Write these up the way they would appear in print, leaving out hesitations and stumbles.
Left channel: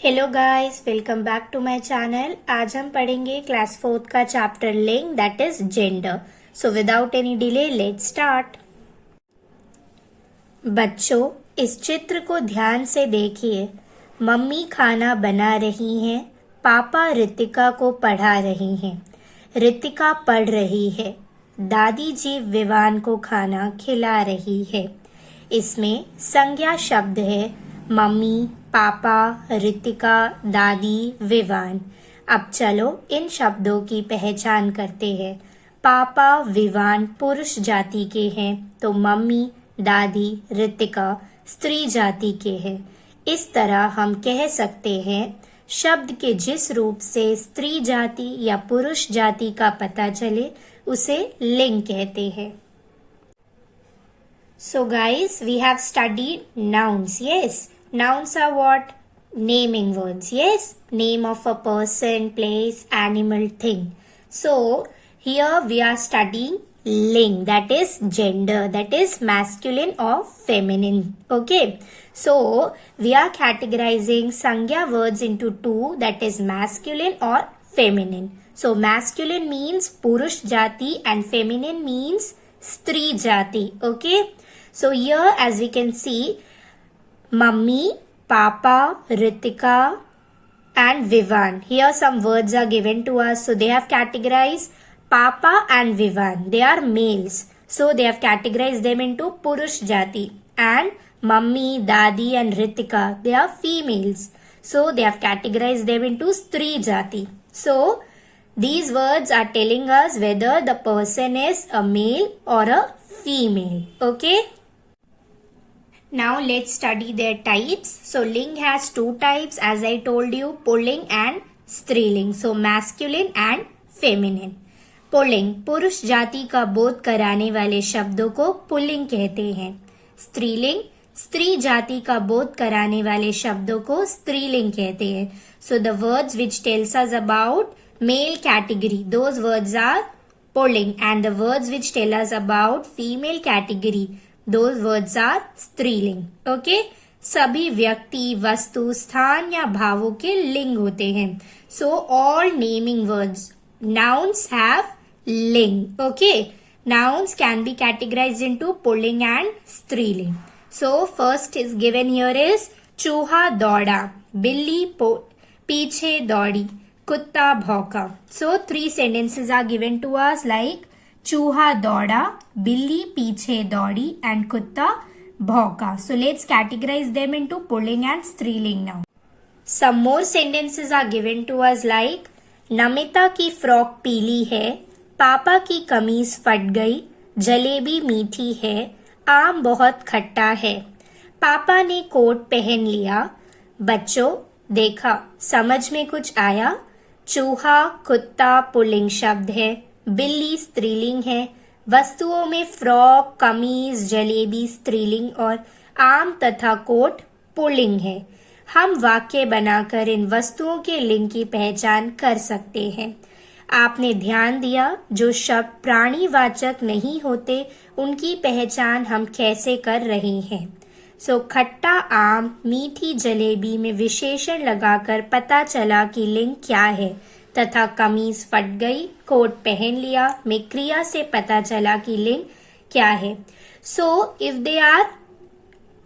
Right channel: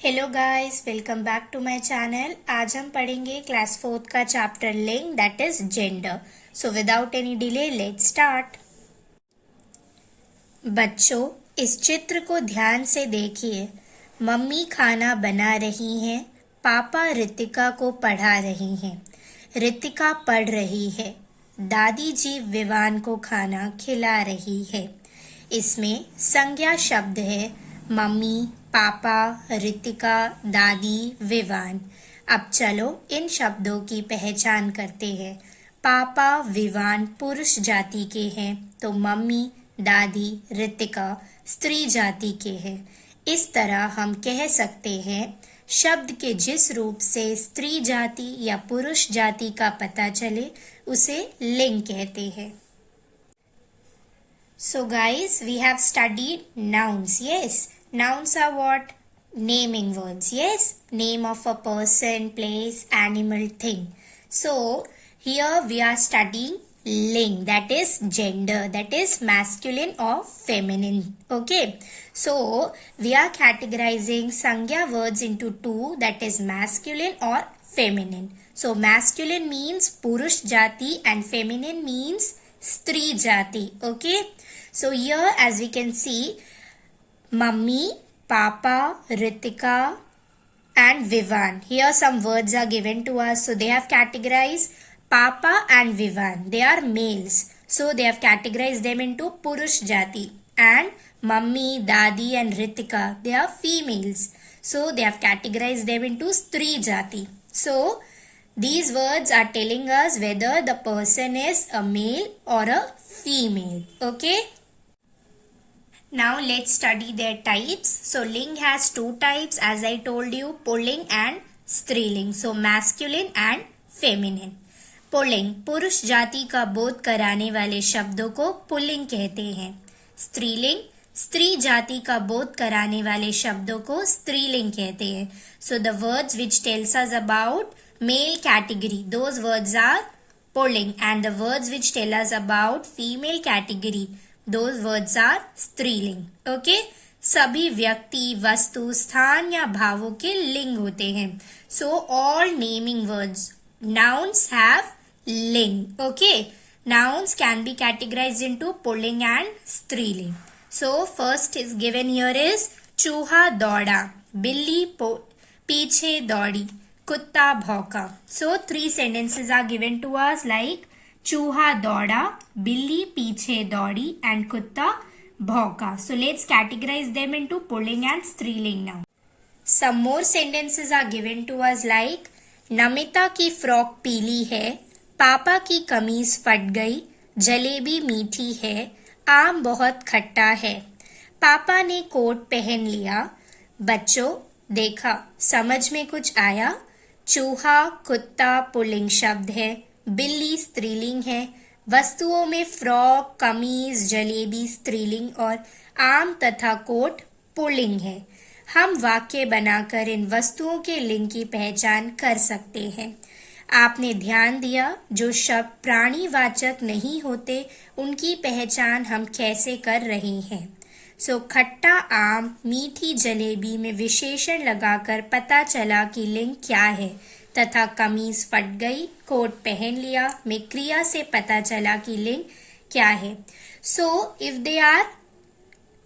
Hello guys, welcome back to my channel. आज हम पढ़ेंगे क्लास 4 का चैप्टर लिंग, that is gender. So without any delay let's start. बच्चों, इस चित्र को ध्यान से देखिए। मम्मी खाना बना रही हैं, पापा रितिका को पढ़ा रही हैं। रितिका पढ़ रही है, दादी जी विवान को खाना खिला रही है। इसमें संज्ञा शब्द है मम्मी, पापा, रितिका, दादी, विवान। अब चलो इन शब्दों की पहचान करते हैं। पापा विवान पुरुष जाति के हैं, तो मम्मी, दादी, रितिका स्त्री जाति के हैं। इस तरह हम कह सकते हैं शब्द के जिस रूप से स्त्री जाति या पुरुष जाति का पता चले उसे लिंग कहते हैं। So guys, we have studied nouns. Yes, nouns are what? Naming words. Yes, name of a person, place, animal, thing. So here we are studying ling, that is gender, that is masculine or feminine. Okay, so we are categorizing sangya words into two, that is masculine or feminine. So masculine means purush jati and feminine means stri jati. Okay, so here as we can see, mummy, papa, ritika and vivan. Here some words are given to us. So they have categorized papa and vivan. They are males. So they have categorized them into purush jati. And mummy, dadi and ritika, they are females. So they have categorized them into stri jati. So these words are telling us whether the person is a male or a female. Okay. Now let's study their types. So ling has two types as I told you, pulling and स्त्रीलिंग. So masculine and feminine. Pulling पुरुष जाति का बोध कराने वाले शब्दों को pulling कहते हैं। स्त्रीलिंग स्त्री जाति का बोध कराने वाले शब्दों को स्त्रीलिंग कहते हैं. So the words which tells us about male category, those words are pulling, and the words which tell us about female category, those words are स्त्रीलिंग. ओके, सभी व्यक्ति, वस्तु, स्थान या भावों के लिंग होते हैं. So all naming words, nouns have ling. Okay, nouns can be categorized into pulling and स्त्रीलिंग. So first is given here is चूहा दौड़ा, बिल्ली पीछे दौड़ी, कुत्ता भौंका. So three sentences are given to us like चूहा दौड़ा, बिल्ली पीछे दौड़ी and कुत्ता भौंका. So let's categorize them into pulling and स्त्रीलिंग now. Some more sentences are given to us like Namita की फ्रॉक पीली है, पापा की कमीज फट गई, जलेबी मीठी है, आम बहुत खट्टा है, पापा ने कोट पहन लिया. बच्चों देखा, समझ में कुछ आया? चूहा कुत्ता पुल्लिंग शब्द है, बिल्ली स्त्रीलिंग है, वस्तुओं में फ्रॉक, कमीज, जलेबी स्त्रीलिंग और आम तथा कोट पुल्लिंग है. हम वाक्य बनाकर इन वस्तुओं के लिंग की पहचान कर सकते हैं. आपने ध्यान दिया, जो शब्द प्राणीवाचक नहीं होते उनकी पहचान हम कैसे कर रहे हैं. सो खट्टा आम, मीठी जलेबी में विशेषण लगाकर पता चला कि लिंग क्या है, तथा कमीज फट गई, कोट पहन लिया में क्रिया से पता चला कि लिंग क्या है. So if they are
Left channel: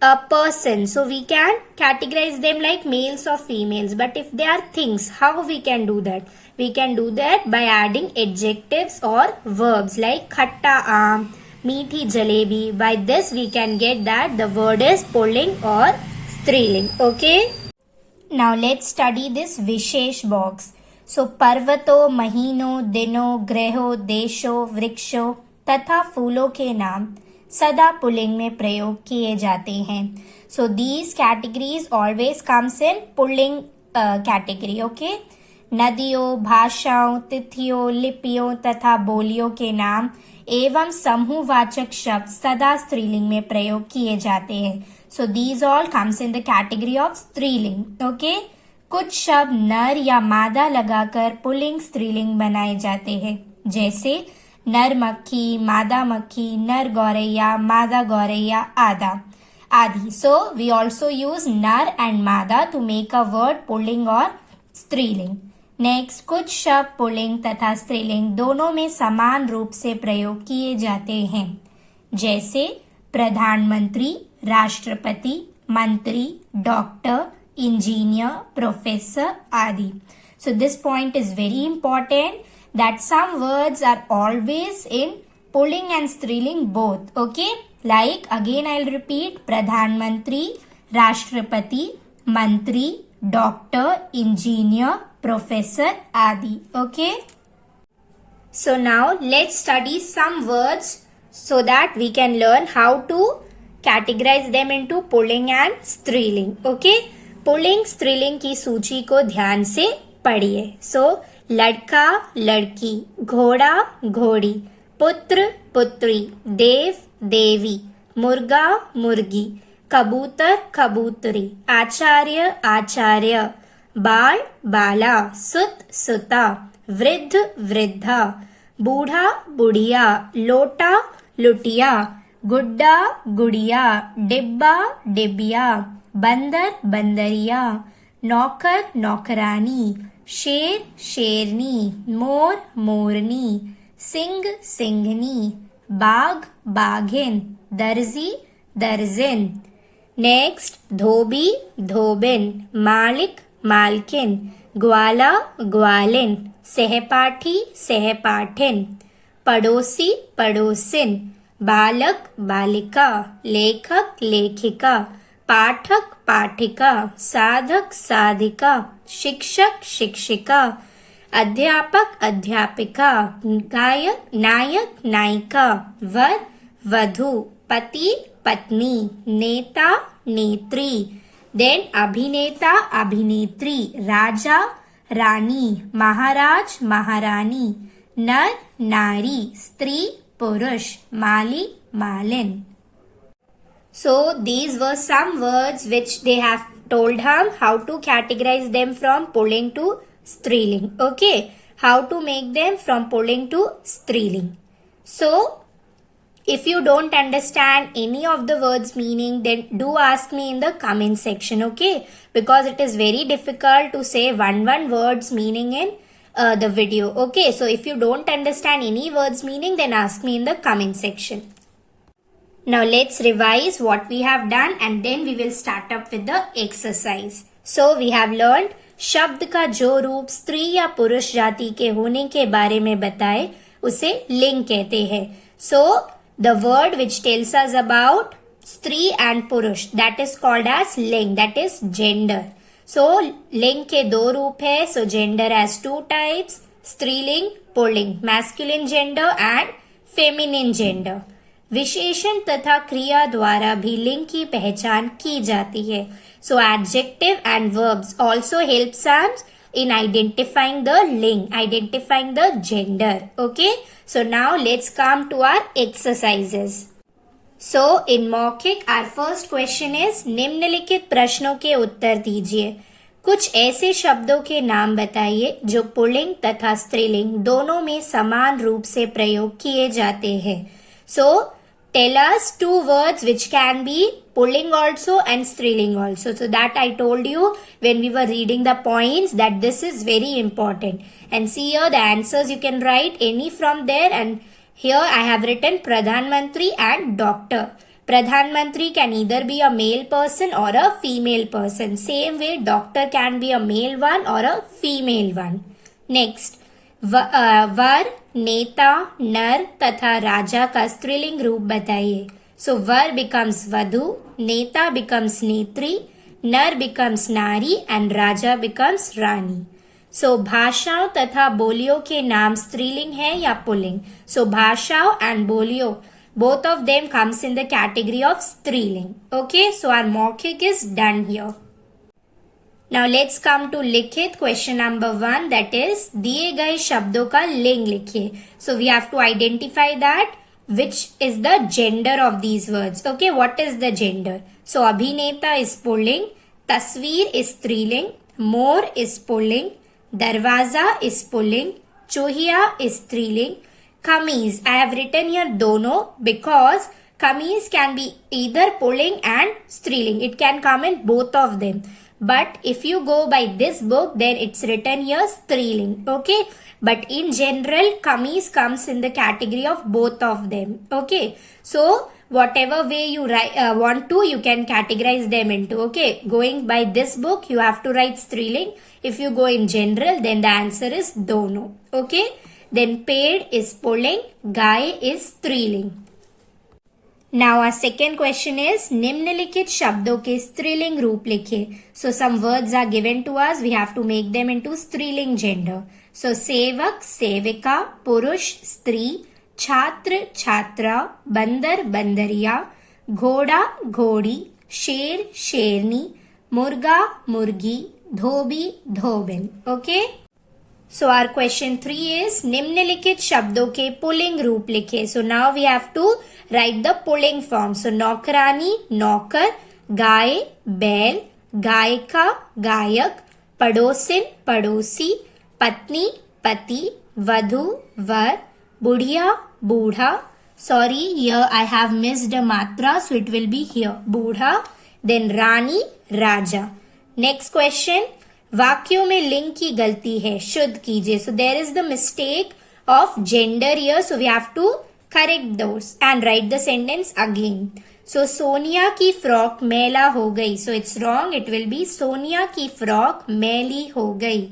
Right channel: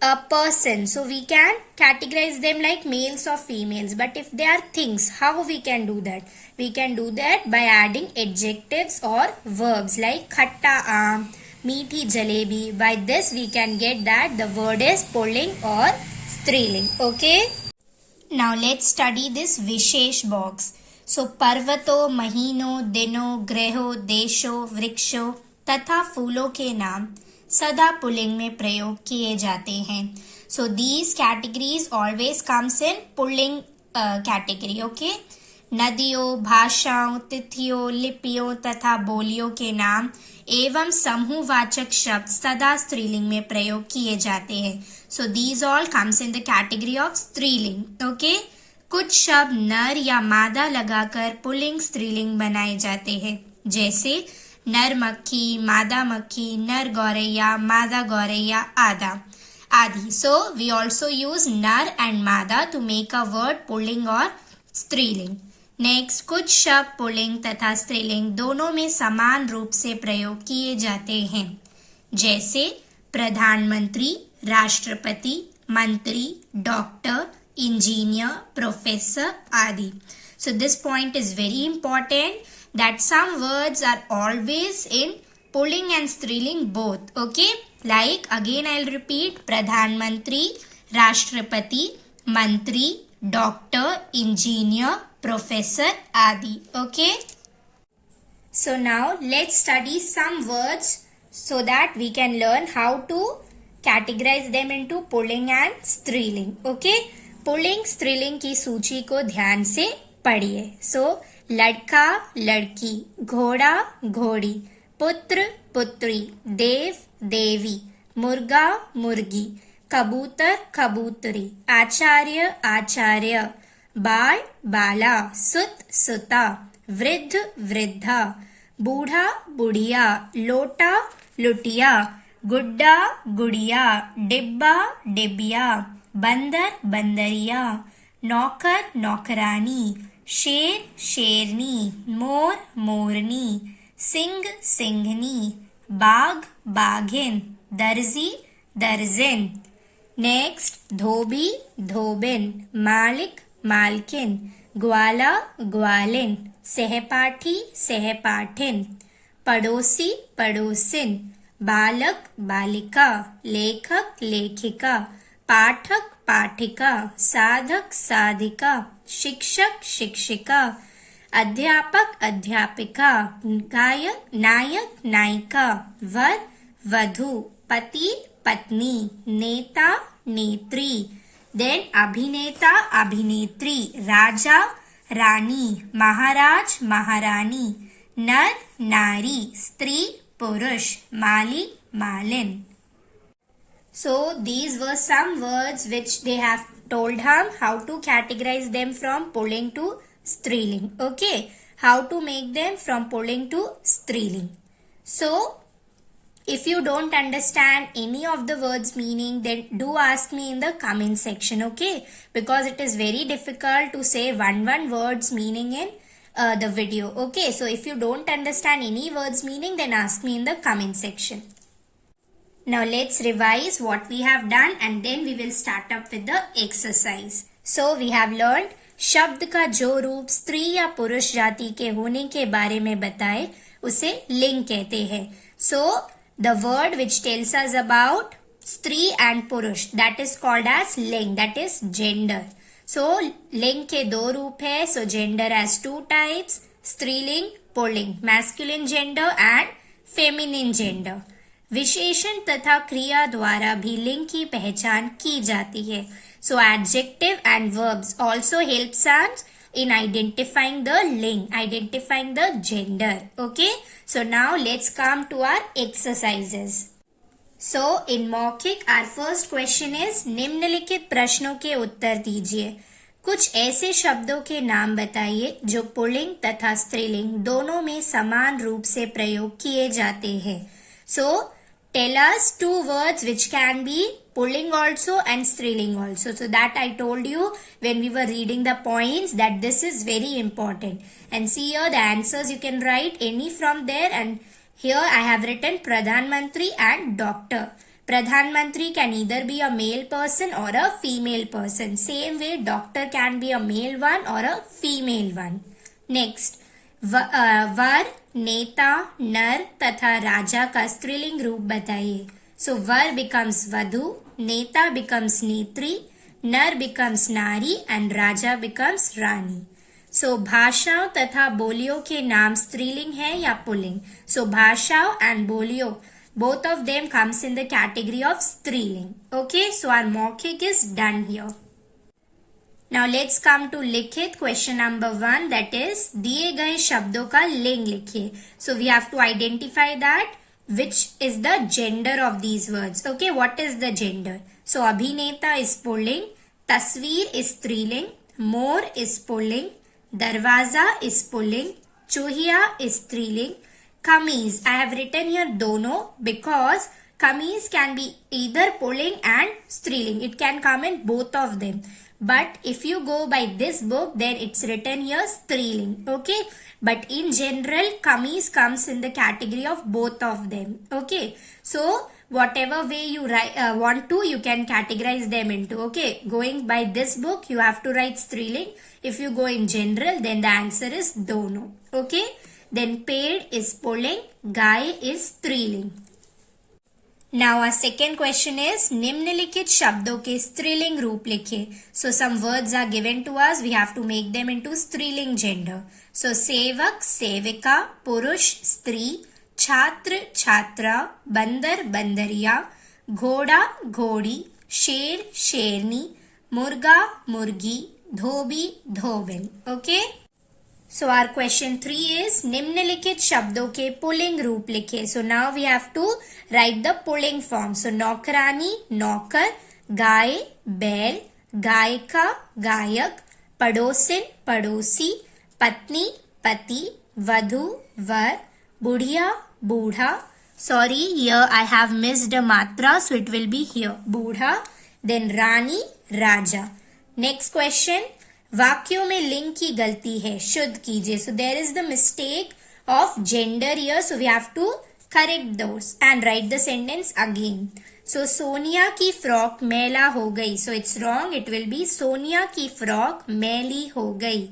a person, so we can categorize them like males or females. But if they are things, how we can do that? We can do that by adding adjectives or verbs like khatta aam, meethi jalebi. By this we can get that the word is pulling or striling. Okay, now let's study this vishesh box. So पर्वतों, महीनों, दिनों, ग्रहों, देशों, वृक्षों तथा फूलों के नाम सदा पुल्लिंग में प्रयोग किए जाते हैं. So these categories always comes in pulling category. Okay, नदियों, भाषाओं, तिथियों, लिपियों तथा बोलियों के नाम एवं समूहवाचक शब्द सदा स्त्रीलिंग में प्रयोग किए जाते हैं. So these all comes in the category of स्त्रीलिंग. ओके, कुछ शब्द नर या मादा लगाकर पुल्लिंग स्त्रीलिंग बनाए जाते हैं, जैसे नर मक्खी, मादा मक्खी, नर गौरैया, मादा गौरैया आदि. Adi. So we also use nar and mada to make a word pulling or स्त्रीलिंग. नेक्स्ट, कुछ शब्द पुल्लिंग तथा स्त्रीलिंग दोनों में समान रूप से प्रयोग किए जाते हैं, जैसे प्रधानमंत्री, राष्ट्रपति, मंत्री, डॉक्टर, इंजीनियर, प्रोफेसर आदि. So this point is very important that some words are always in pulling and striling both. Okay, like again I'll repeat: प्रधानमंत्री, राष्ट्रपति, मंत्री, डॉक्टर, इंजीनियर, प्रोफेसर आदि. Okay, so now let's study some words so that we can learn how to categorize them into pulling and striling. Okay, pulling स्त्रीलिंग की सूची को ध्यान से पढ़िए. सो लड़का लड़की, घोड़ा घोड़ी, पुत्र पुत्री, देव देवी, मुर्गा मुर्गी, कबूतर कबूतरी, आचार्य आचार्य, बाल बाला, सुत सुता, वृद्ध वृद्धा, बूढ़ा बुढ़िया, लोटा लुटिया, गुड्डा गुड़िया, डिब्बा डिबिया, बंदर बंदरिया, नौकर नौकरानी, शेर शेरनी, मोर मोरनी, सिंह सिंघनी, बाघ बाघिन, दर्जी दर्जिन. नेक्स्ट, धोबी धोबिन, मालिक मालकिन, ग्वाला ग्वालिन, सहपाठी सहपाठिन, पड़ोसी पड़ोसिन, बालक बालिका, लेखक लेखिका, पाठक पाठिका, साधक साधिका, शिक्षक शिक्षिका, अध्यापक अध्यापिका, गायक नायक नायिका, वर वधू, पति पत्नी, नेता नेत्री. देन अभिनेता अभिनेत्री, राजा रानी, महाराज महारानी, नर नारी, स्त्री पुरुष, माली मालिन. So these were some words which they have told him how to categorize them from pulling to striling. Okay, how to make them from pulling to striling. So if you don't understand any of the words meaning, then do ask me in the comment section. Okay, because it is very difficult to say one words meaning in the video. Okay, so if you don't understand any words meaning, then ask me in the comment section. Now let's revise what we have done and then we will start up with the exercise. So we have learned शब्द का जो रूप स्त्री या पुरुष जाति के होने के बारे में बताए उसे लिंग कहते हैं. So the word which tells us about स्त्री and पुरुष, that is called as लिंग, that is gender. So लिंग के दो रूप है. So gender has two types: स्त्रीलिंग pulling, masculine gender and feminine gender. विशेषण तथा क्रिया द्वारा भी लिंग की पहचान की जाती है. So adjective and verbs also helps us in identifying the लिंग, identifying the gender. Okay, so now let's come to our exercises. So in मौखिक आवर फर्स्ट क्वेश्चन इज, निम्नलिखित प्रश्नों के उत्तर दीजिए. कुछ ऐसे शब्दों के नाम बताइए जो पुल्लिंग तथा स्त्रीलिंग दोनों में समान रूप से प्रयोग किए जाते हैं. So tell us two words which can be pulling also and striling also. So that I told you when we were reading the points that this is very important. And see here the answers you can write any from there, and here I have written Pradhan Mantri and doctor. Pradhan Mantri can either be a male person or a female person. Same way doctor can be a male one or a female one. Next, वर नेता नर तथा राजा का स्त्रीलिंग रूप बताइए. सो वर becomes वधु, नेता becomes नेत्री, नर बिकम्स नारी एंड राजा बिकम्स रानी. सो भाषाओं तथा बोलियों के नाम स्त्रीलिंग है या पुल्लिंग. सो भाषाओं एंड बोलियों, both of them comes in the category of स्त्रीलिंग. Okay, so our मौखिक is done here. Now let's come to लिखित. Question number 1, that is दिए गए शब्दों का लिंग लिखिए. So we have to identify that which is the gender of these words. Okay, what is the gender? So अभिनेता is pulling, तस्वीर is स्त्रीलिंग, मोर is pulling, दरवाजा is pulling, चूहिया is स्त्रीलिंग, कमीज I have written here दोनों because kameez can be either pulling and striling. It can come in both of them. But if you go by this book, then it's written here striling. Okay. But in general, kameez comes in the category of both of them. Okay. So whatever way you want to, you can categorize them into. Okay. Going by this book, you have to write striling. If you go in general, then the answer is dono. Okay. Then paid is pulling, guy is striling. Now our second question is निम्नलिखित शब्दों के स्त्रीलिंग रूप लिखिए. So some words are given to us. We have to make them into स्त्रीलिंग gender. So सेवक, सेविका, पुरुष, स्त्री, छात्र, छात्रा, बंदर, बंदरिया, घोड़ा, घोड़ी, शेर, शेरनी, मुर्गा, मुर्गी, धोबी, धोबिन. Okay. So our question 3 is निम्नलिखित शब्दों के पुल्लिंग रूप लिखे. So now we have to write the pulling form. So नौकरानी, नौकर, गाय, बैल, गायिका, गायक, पड़ोसिन, पड़ोसी, पत्नी, पति, वधू, वर, बुढ़िया, बूढ़ा. Sorry, here I have missed a matra, so it will be here. बूढ़ा. Then रानी, राजा. Next question. वाक्यों में लिंग की गलती है, शुद्ध कीजिए. So there is the mistake of gender here, so we have to correct those and write the sentence again. So Sonia की फ्रॉक मैला हो गई. So it's wrong. It will be Sonia की फ्रॉक मैली हो गई.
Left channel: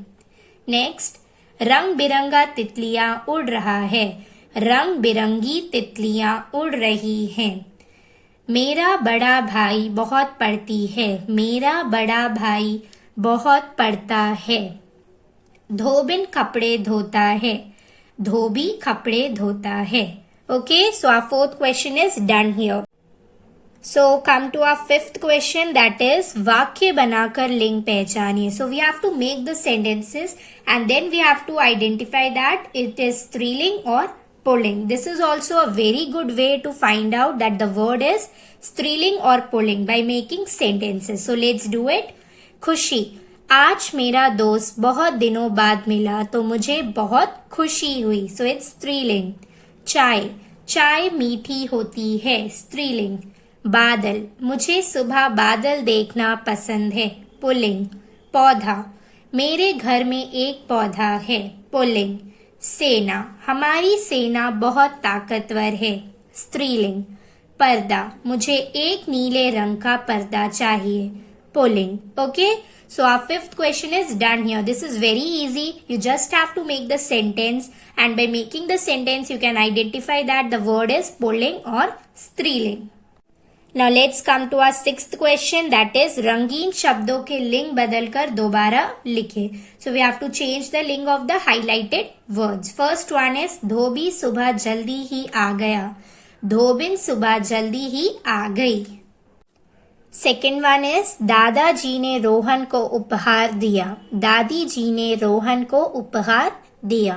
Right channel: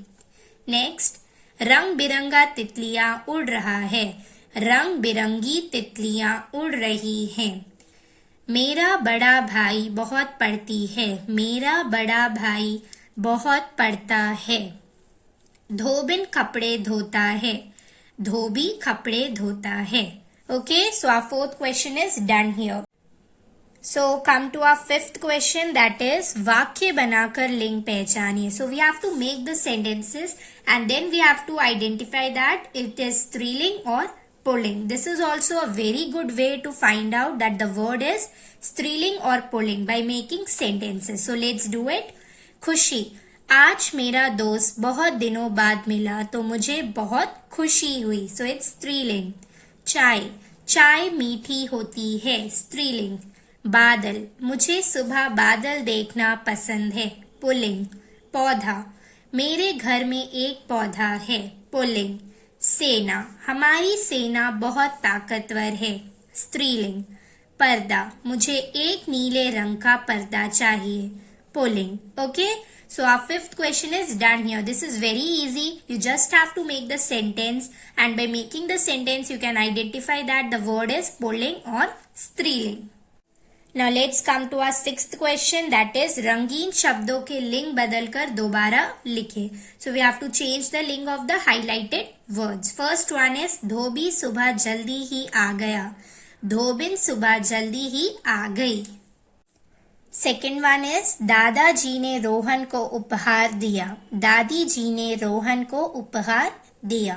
Next, रंग बिरंगा तितलियां उड़ रहा है. रंग बिरंगी तितलियां उड़ रही हैं. मेरा बड़ा भाई बहुत पढ़ती है. मेरा बड़ा भाई बहुत पढ़ता है. धोबिन कपड़े धोता है. धोबी कपड़े धोता है. Okay, so our fourth question is done here. So come to our fifth question, that is वाक्य बनाकर लिंग पहचानिए. So we have to make the sentences and then we have to identify that it is स्त्रीलिंग or pulling. This is also a very good way to find out that the word is स्त्रीलिंग or pulling by making sentences. So let's do it. खुशी. आज मेरा दोस्त बहुत दिनों बाद मिला तो मुझे बहुत खुशी हुई. सो इट्स स्त्रीलिंग. चाय. चाय मीठी होती है. स्त्रीलिंग. बादल. मुझे सुबह बादल देखना पसंद है. पुल्लिंग. पौधा. मेरे घर में एक पौधा है. पुल्लिंग. सेना. हमारी सेना बहुत ताकतवर है. स्त्रीलिंग. पर्दा. मुझे एक नीले रंग का पर्दा चाहिए. Pulling. Okay. So our fifth question is done here. This is very easy. You just have to make the sentence and by making the sentence you can identify that the word is pulling or striling. Now let's come to our sixth question, that is रंगीन शब्दों के लिंग बदलकर दोबारा लिखे. So we have to change the ling of the highlighted words. First one is धोबी सुबह जल्दी ही आ गया. धोबिन सुबह जल्दी ही आ गई. सेकेंड वन इज दादाजी ने रोहन को उपहार दिया. दादी जी ने रोहन को उपहार दिया.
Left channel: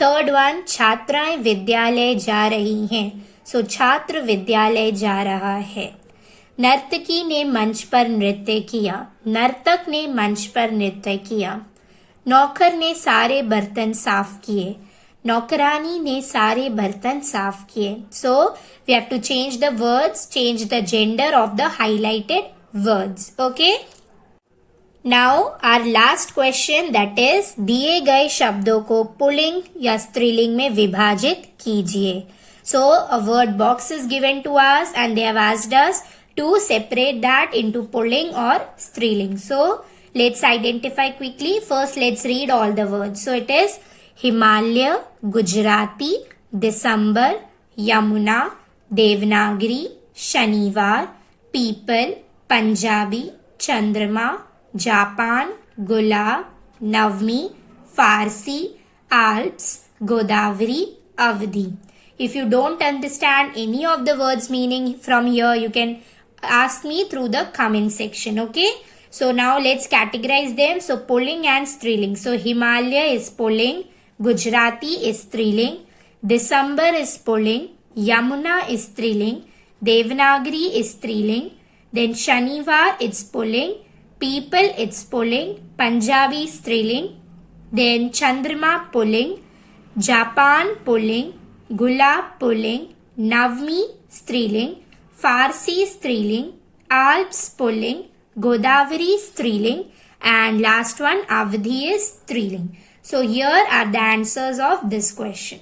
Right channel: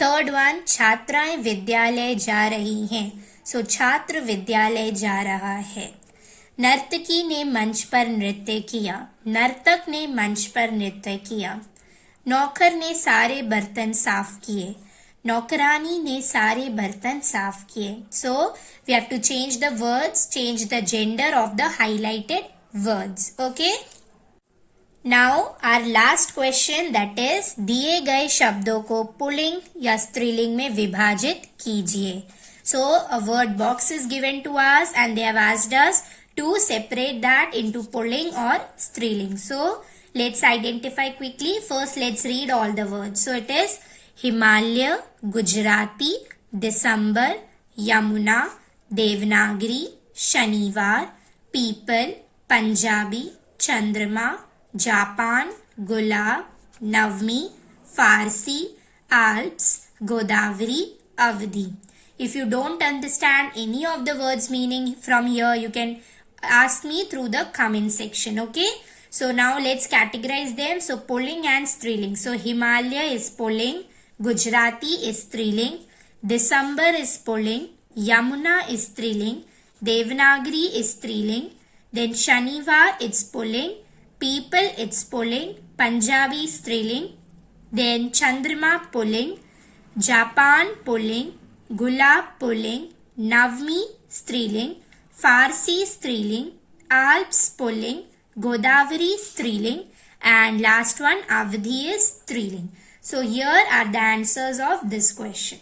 थर्ड वन छात्राएं विद्यालय जा रही हैं. सो छात्र विद्यालय जा रहा है. नर्तकी ने मंच पर नृत्य किया. नर्तक ने मंच पर नृत्य किया. नौकर ने सारे बर्तन साफ किए. नौकरानी ने सारे बर्तन साफ किए. So we have to change the words, change the gender of the highlighted words. Okay. Now our last question, that is दिए गए शब्दों को पुल्लिंग या स्त्रीलिंग में विभाजित कीजिए. So a word box is given to us and they have asked us to separate that into पुल्लिंग और स्त्रीलिंग. So let's identify quickly. First let's read all the words. So it is Himalaya, Gujarati, दिसंबर, यमुना, देवनागरी, शनिवार, पीपल, पंजाबी, चंद्रमा, जापान, गुलाब, नवमी, Farsi, Alps, Godavari, अवधि. If you don't understand any of the words meaning from here, you can ask me through the comment section. Okay. So now let's categorize them. So pulling and striling. So Himalaya is pulling. Gujarati is striling. December is pulling. Yamuna is striling. Devanagari is striling. Then Shanivar it's pulling. People it's pulling. Punjabi striling. Then Chandrama pulling. Japan pulling. Gulab pulling. Navmi Striling, Farsi Striling, Alps Pulling, Godavari Striling, and last one Avadhi is Striling. So here are the answers of this question.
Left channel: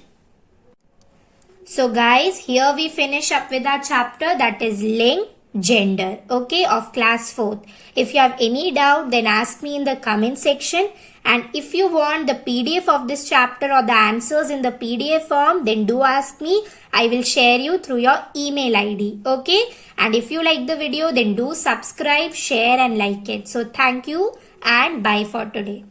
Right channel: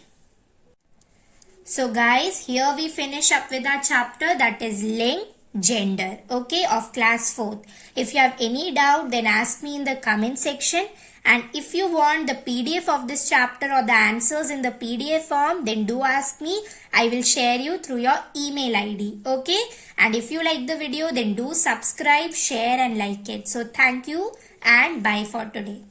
So guys, here we finish up with our chapter, that is Ling, Gender, okay, of class 4th. If you have any doubt, then ask me in the comment section. And if you want the PDF of this chapter or the answers in the PDF form, then do ask me. I will share you through your email ID, okay. And if you like the video, then do subscribe, share and like it. So thank you and bye for today.